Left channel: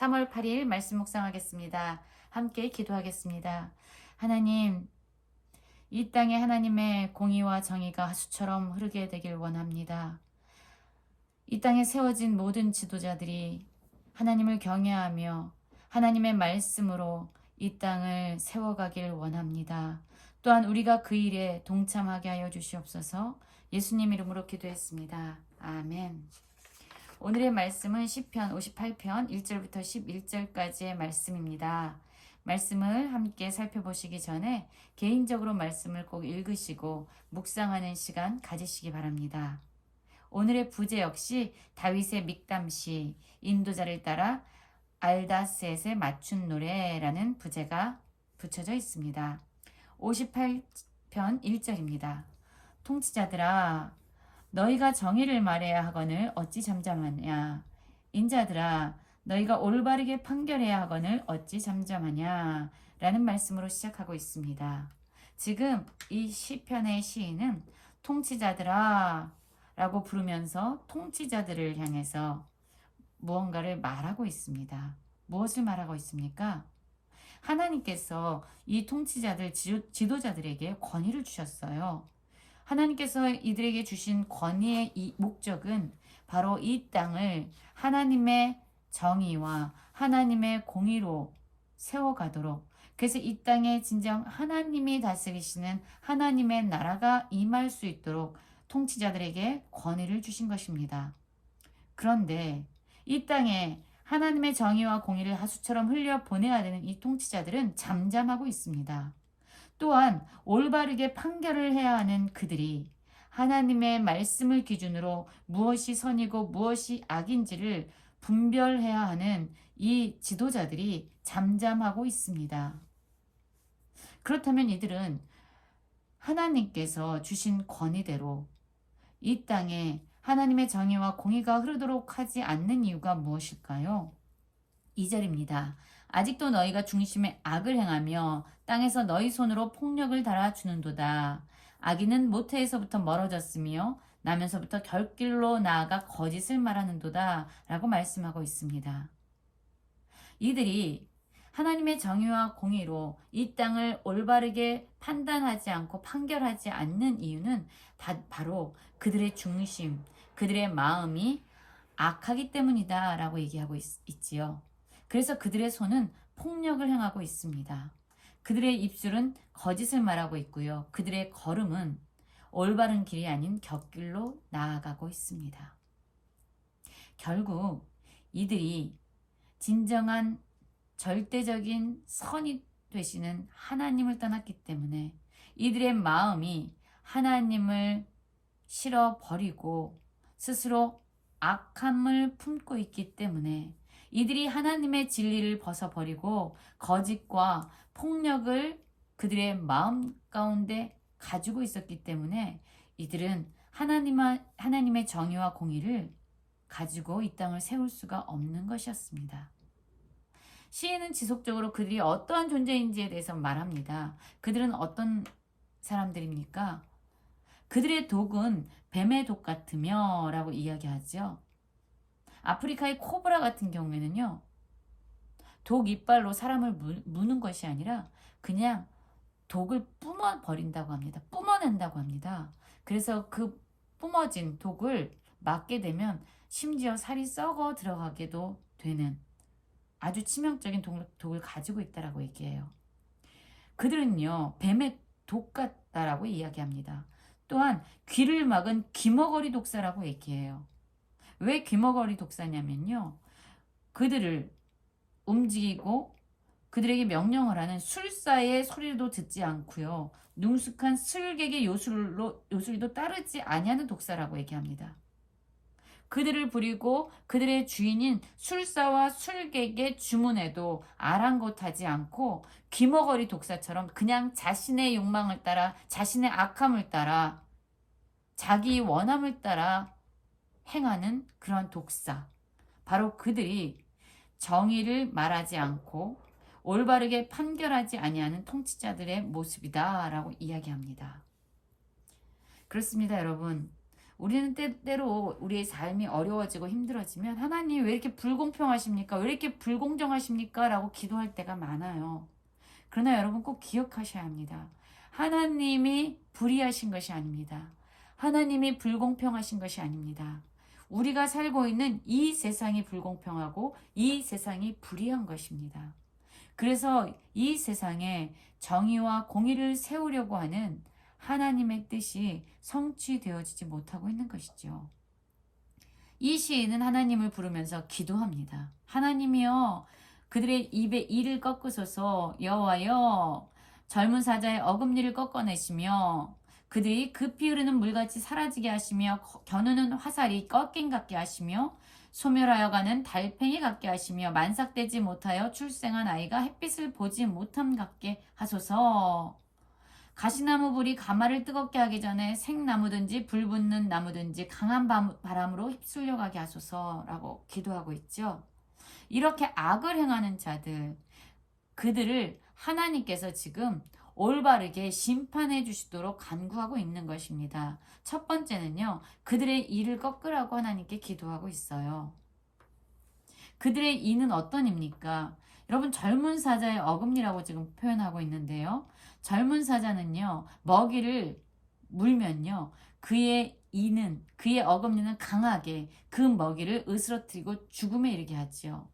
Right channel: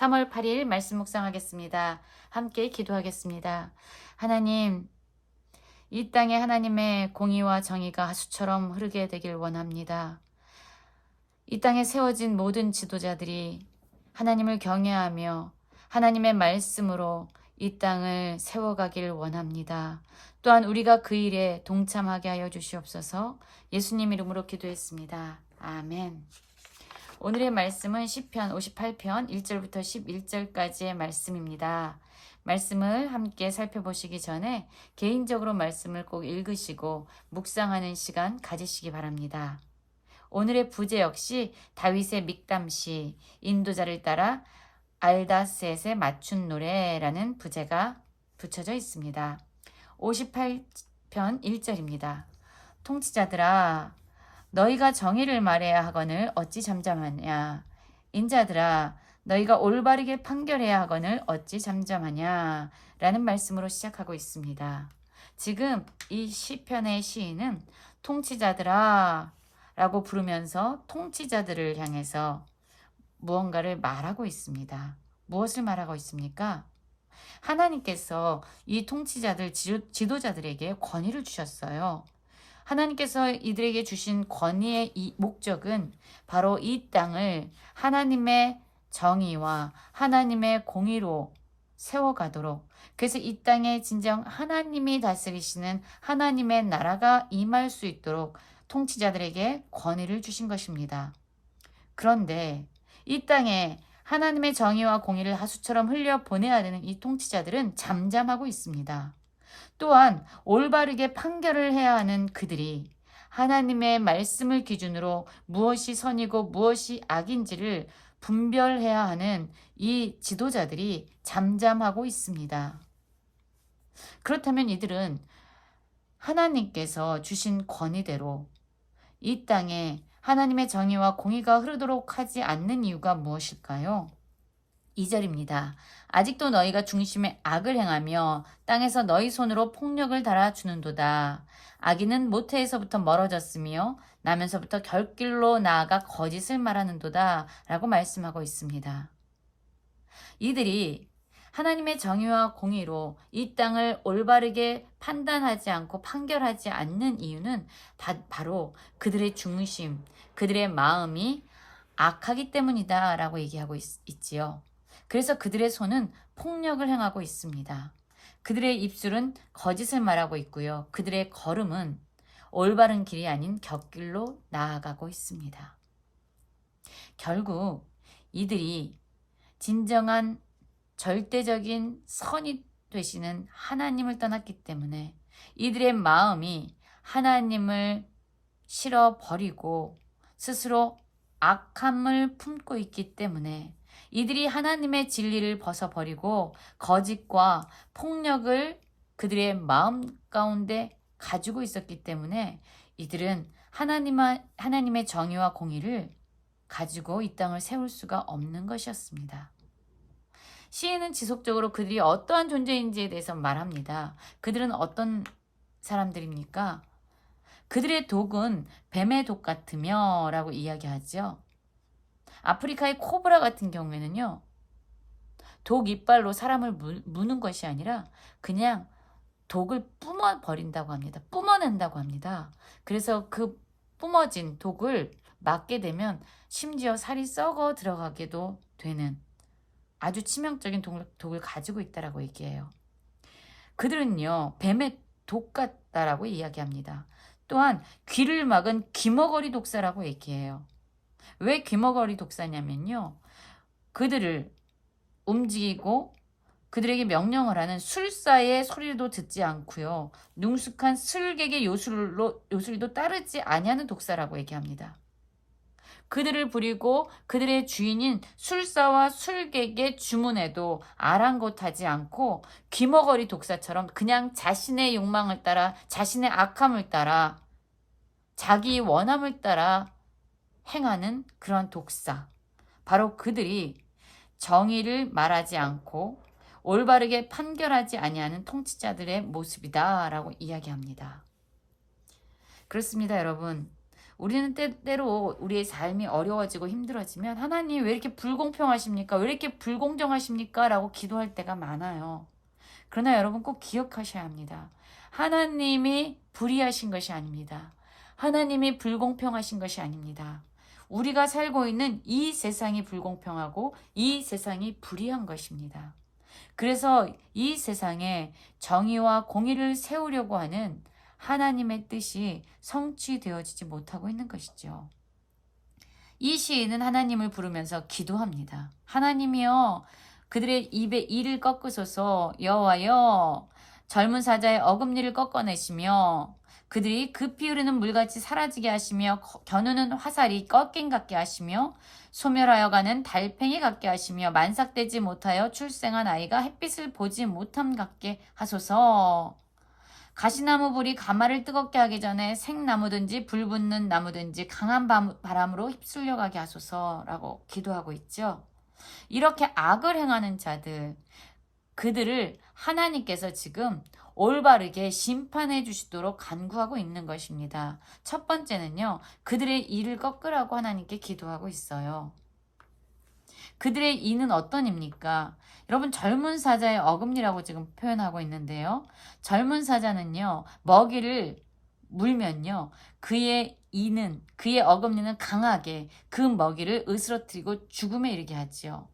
3월 8일 말씀 묵상하겠습니다. 함께 기도하겠습니다. 하나님, 이 땅에 하나님의 공의와 정의가 하수처럼 흐르게 되길 원합니다. 이 땅에 세워진 모든 지도자들이 하나님을 경외하며 하나님의 말씀으로 이 땅을 세워가길 원합니다. 또한 우리가 그 일에 동참하게 하여 주시옵소서. 예수님 이름으로 기도했습니다. 아멘. 오늘의 말씀은 시편 58편 1절부터 11절까지의 말씀입니다. 말씀을 함께 살펴보시기 전에 개인적으로 말씀을 꼭 읽으시고 묵상하는 시간 가지시기 바랍니다. 오늘의 부제 역시 다윗의 믹담시, 인도자를 따라 알다셋의 맞춘 노래라는 부제가 붙여져 있습니다. 58편 1절입니다. 통치자들아, 너희가 정의를 말해야 하거늘 어찌 잠잠하냐. 인자들아, 너희가 올바르게 판결해야 하거늘 어찌 잠잠하냐. 라는 말씀으로 시작하고 있습니다. 지금 이 시편의 시인은 통치자들아 라고 부르면서 통치자들을 향해서 무언가를 말하고 있습니다. 무엇을 말하고 있습니까? 하나님께서 이 통치자들, 지도자들에게 권위를 주셨어요. 하나님께서 이들에게 주신 권위의 이 목적은 바로 이 땅을 하나님의 정의와 하나님의 공의로 세워가도록, 그래서 이 땅에 진정 하나님이 다스리시는 하나님의 나라가 임할 수 있도록 통치자들에게 권위를 주신 것입니다. 그런데 이 땅에 하나님의 정의와 공의를 하수처럼 흘려 보내야 되는 이 통치자들은 잠잠하고 있습니다. 또한 올바르게 판결을 해야 하는 그들이 하나님의 말씀을 기준으로 무엇이 선이고 무엇이 악인지를 분별해야 하는 이 지도자들이 잠잠하고 있습니다. 그렇다면 이들은 하나님께서 주신 권위대로 이 땅에 하나님의 정의와 공의가 흐르도록 하지 않는 이유가 무엇일까요? 2절입니다. 아직도 너희가 중심에 악을 행하며 땅에서 너희 손으로 폭력을 달아주는도다. 악인은 모태에서부터 멀어졌으며 나면서부터 결길로 나아가 거짓을 말하는도다. 라고 말씀하고 있습니다. 이들이 하나님의 정의와 공의로 이 땅을 올바르게 판단하지 않고 판결하지 않는 이유는 바로 그들의 중심, 그들의 마음이 악하기 때문이다 라고 얘기하고 있지요. 그래서 그들의 손은 폭력을 행하고 있습니다. 그들의 입술은 거짓을 말하고 있고요. 그들의 걸음은 올바른 길이 아닌 곁길로 나아가고 있습니다. 결국 이들이 진정한 절대적인 선이 되시는 하나님을 떠났기 때문에 이들의 마음이 하나님을 싫어버리고 스스로 악함을 품고 있기 때문에 이들이 하나님의 진리를 벗어버리고 거짓과 폭력을 그들의 마음 가운데 가지고 있었기 때문에 이들은 하나님의 정의와 공의를 가지고 이 땅을 세울 수가 없는 것이었습니다. 시인은 지속적으로 그들이 어떠한 존재인지에 대해서 말합니다. 그들은 어떤 사람들입니까? 그들의 독은 뱀의 독 같으며 라고 이야기하죠. 아프리카의 코브라 같은 경우에는요, 독 이빨로 사람을 무는 것이 아니라 그냥 독을 뿜어버린다고 합니다. 뿜어낸다고 합니다. 그래서 그 뿜어진 독을 맞게 되면 심지어 살이 썩어 들어가게도 되는 아주 치명적인 독을 가지고 있다라고 얘기해요. 그들은요, 뱀의 독 같다라고 이야기합니다. 또한 귀를 막은 귀머거리 독사라고 얘기해요. 왜 귀머거리 독사냐면요, 그들을 움직이고 그들에게 명령을 하는 술사의 소리도 듣지 않고요, 능숙한 술객의 요술도 따르지 아니하는 독사라고 얘기합니다. 그들을 부리고 그들의 주인인 술사와 술객의 주문에도 아랑곳하지 않고 귀머거리 독사처럼 그냥 자신의 욕망을 따라, 자신의 악함을 따라, 자기 원함을 따라 행하는 그런 독사. 바로 그들이 정의를 말하지 않고 올바르게 판결하지 아니하는 통치자들의 모습이다라고 이야기합니다. 그렇습니다, 여러분. 우리는 때때로 우리의 삶이 어려워지고 힘들어지면 하나님 왜 이렇게 불공평하십니까? 왜 이렇게 불공정하십니까? 라고 기도할 때가 많아요. 그러나 여러분 꼭 기억하셔야 합니다. 하나님이 불의하신 것이 아닙니다. 하나님이 불공평하신 것이 아닙니다. 우리가 살고 있는 이 세상이 불공평하고 이 세상이 불의한 것입니다. 그래서 이 세상에 정의와 공의를 세우려고 하는 하나님의 뜻이 성취되어지지 못하고 있는 것이죠. 이 시인은 하나님을 부르면서 기도합니다. 하나님이여 그들의 입에 이를 꺾으소서. 여호와여 젊은 사자의 어금니를 꺾어내시며 그들이 급히 흐르는 물같이 사라지게 하시며 겨누는 화살이 꺾인 같게 하시며 소멸하여 가는 달팽이 같게 하시며 만삭되지 못하여 출생한 아이가 햇빛을 보지 못함 같게 하소서. 가시나무 불이 가마를 뜨겁게 하기 전에 생나무든지 불 붙는 나무든지 강한 바람으로 휩쓸려 가게 하소서라고 기도하고 있죠. 이렇게 악을 행하는 자들, 그들을 하나님께서 지금 올바르게 심판해 주시도록 간구하고 있는 것입니다. 첫 번째는요, 그들의 이를 꺾으라고 하나님께 기도하고 있어요. 그들의 이는 어떤 입니까? 여러분 젊은 사자의 어금니라고 지금 표현하고 있는데요. 젊은 사자는요. 먹이를 물면요. 그의 어금니는 강하게 그 먹이를 으스러뜨리고 죽음에 이르게 하지요.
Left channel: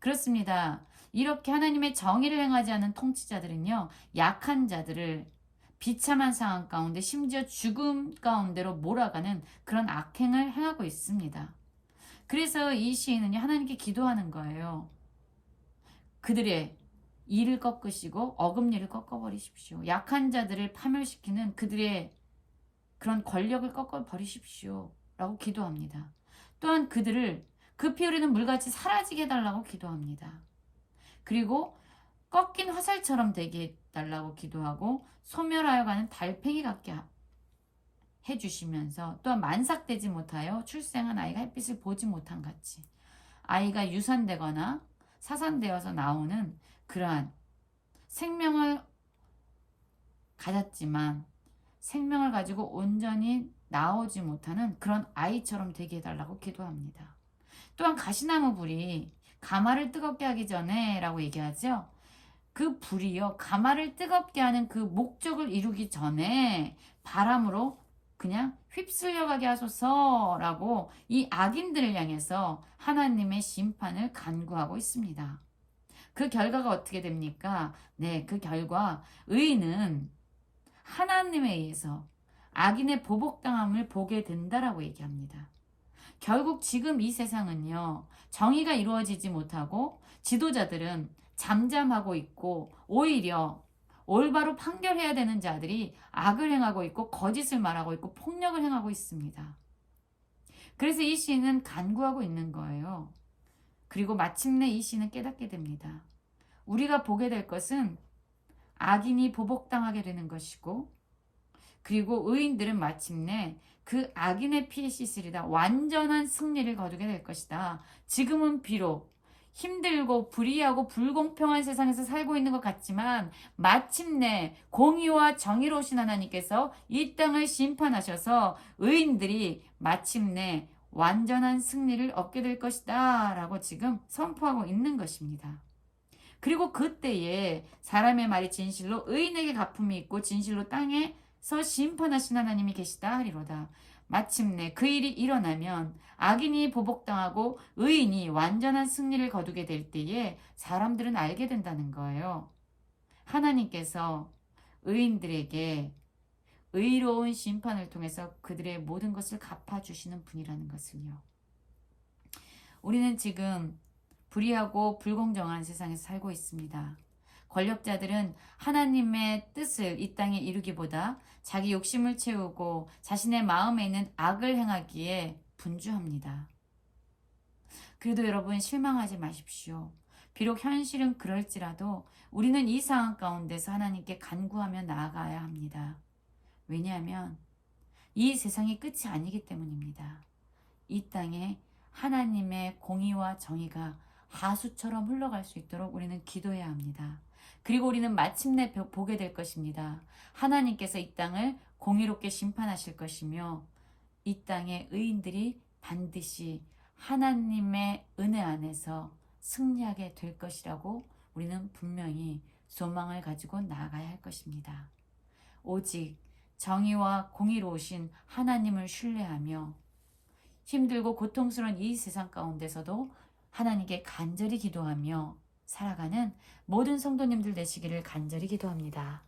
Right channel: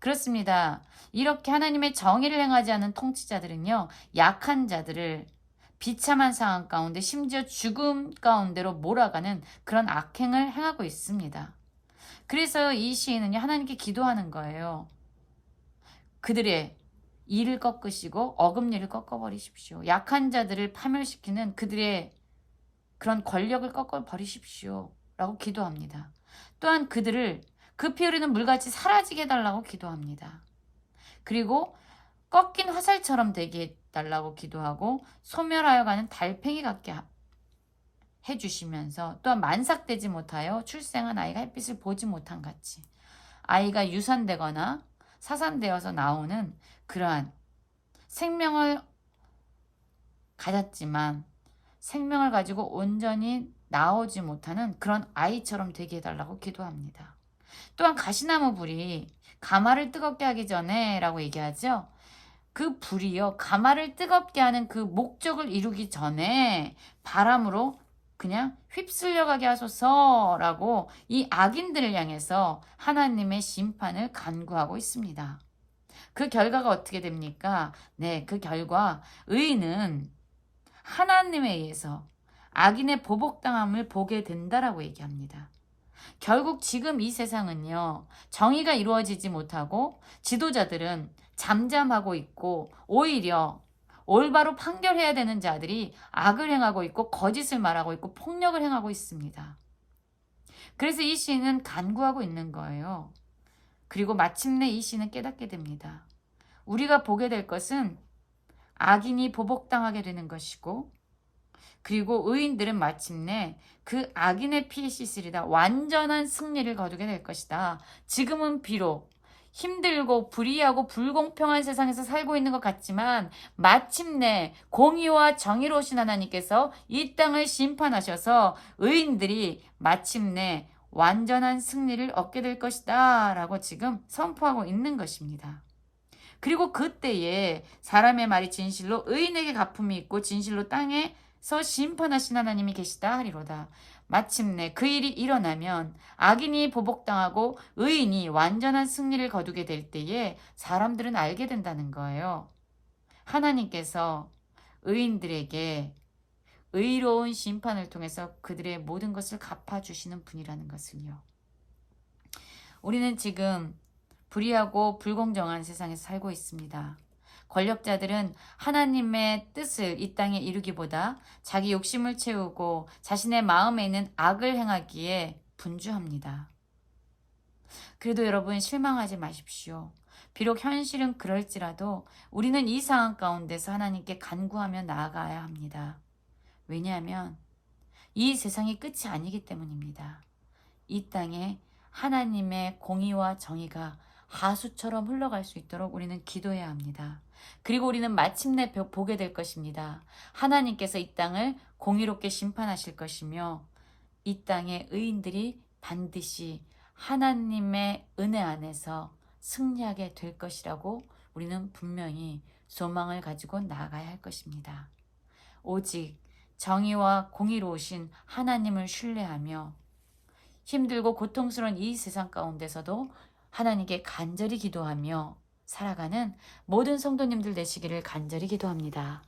그렇습니다. 이렇게 하나님의 정의를 행하지 않은 통치자들은요. 약한 자들을 비참한 상황 가운데 심지어 죽음 가운데로 몰아가는 그런 악행을 행하고 있습니다. 그래서 이 시인은요, 하나님께 기도하는 거예요. 그들의 이를 꺾으시고 어금니를 꺾어버리십시오. 약한 자들을 파멸시키는 그들의 그런 권력을 꺾어버리십시오. 라고 기도합니다. 또한 그들을 급히 흐르는 물같이 사라지게 해달라고 기도합니다. 그리고 꺾인 화살처럼 되게 해달라고 기도하고 소멸하여 가는 달팽이 같게 해주시면서 또한 만삭되지 못하여 출생한 아이가 햇빛을 보지 못한 같이 아이가 유산되거나 사산되어서 나오는 그러한 생명을 가졌지만 생명을 가지고 온전히 나오지 못하는 그런 아이처럼 되게 해달라고 기도합니다. 또한 가시나무 불이 가마를 뜨겁게 하기 전에 라고 얘기하죠. 그 불이요 가마를 뜨겁게 하는 그 목적을 이루기 전에 바람으로 그냥 휩쓸려가게 하소서라고 이 악인들을 향해서 하나님의 심판을 간구하고 있습니다. 그 결과가 어떻게 됩니까? 네, 그 결과 의인은 하나님에 의해서 악인의 보복당함을 보게 된다라고 얘기합니다. 결국 지금 이 세상은요, 정의가 이루어지지 못하고 지도자들은 잠잠하고 있고 오히려 올바로 판결해야 되는 자들이 악을 행하고 있고 거짓을 말하고 있고 폭력을 행하고 있습니다. 그래서 이 시인은 간구하고 있는 거예요. 그리고 마침내 이 시인은 깨닫게 됩니다. 우리가 보게 될 것은 악인이 보복당하게 되는 것이고 그리고 의인들은 마침내 그 악인의 피에 씻으리다 완전한 승리를 거두게 될 것이다. 지금은 비록 힘들고 불의하고 불공평한 세상에서 살고 있는 것 같지만 마침내 공의와 정의로우신 하나님께서 이 땅을 심판하셔서 의인들이 마침내 완전한 승리를 얻게 될 것이다 라고 지금 선포하고 있는 것입니다. 그리고 그때에 사람의 말이 진실로 의인에게 갚음이 있고 진실로 땅에서 심판하신 하나님이 계시다 하리로다. 마침내 그 일이 일어나면 악인이 보복당하고 의인이 완전한 승리를 거두게 될 때에 사람들은 알게 된다는 거예요. 하나님께서 의인들에게 의로운 심판을 통해서 그들의 모든 것을 갚아주시는 분이라는 것을요. 우리는 지금 불의하고 불공정한 세상에서 살고 있습니다. 권력자들은 하나님의 뜻을 이 땅에 이루기보다 자기 욕심을 채우고 자신의 마음에 있는 악을 행하기에 분주합니다. 그래도 여러분 실망하지 마십시오. 비록 현실은 그럴지라도 우리는 이 상황 가운데서 하나님께 간구하며 나아가야 합니다. 왜냐하면 이 세상이 끝이 아니기 때문입니다. 이 땅에 하나님의 공의와 정의가 하수처럼 흘러갈 수 있도록 우리는 기도해야 합니다. 그리고 우리는 마침내 보게 될 것입니다. 하나님께서 이 땅을 공의롭게 심판하실 것이며 이 땅의 의인들이 반드시 하나님의 은혜 안에서 승리하게 될 것이라고 우리는 분명히 소망을 가지고 나아가야 할 것입니다. 오직 정의와 공의로우신 하나님을 신뢰하며 힘들고 고통스러운 이 세상 가운데서도 하나님께 간절히 기도하며 살아가는 모든 성도님들 되시기를 간절히 기도합니다.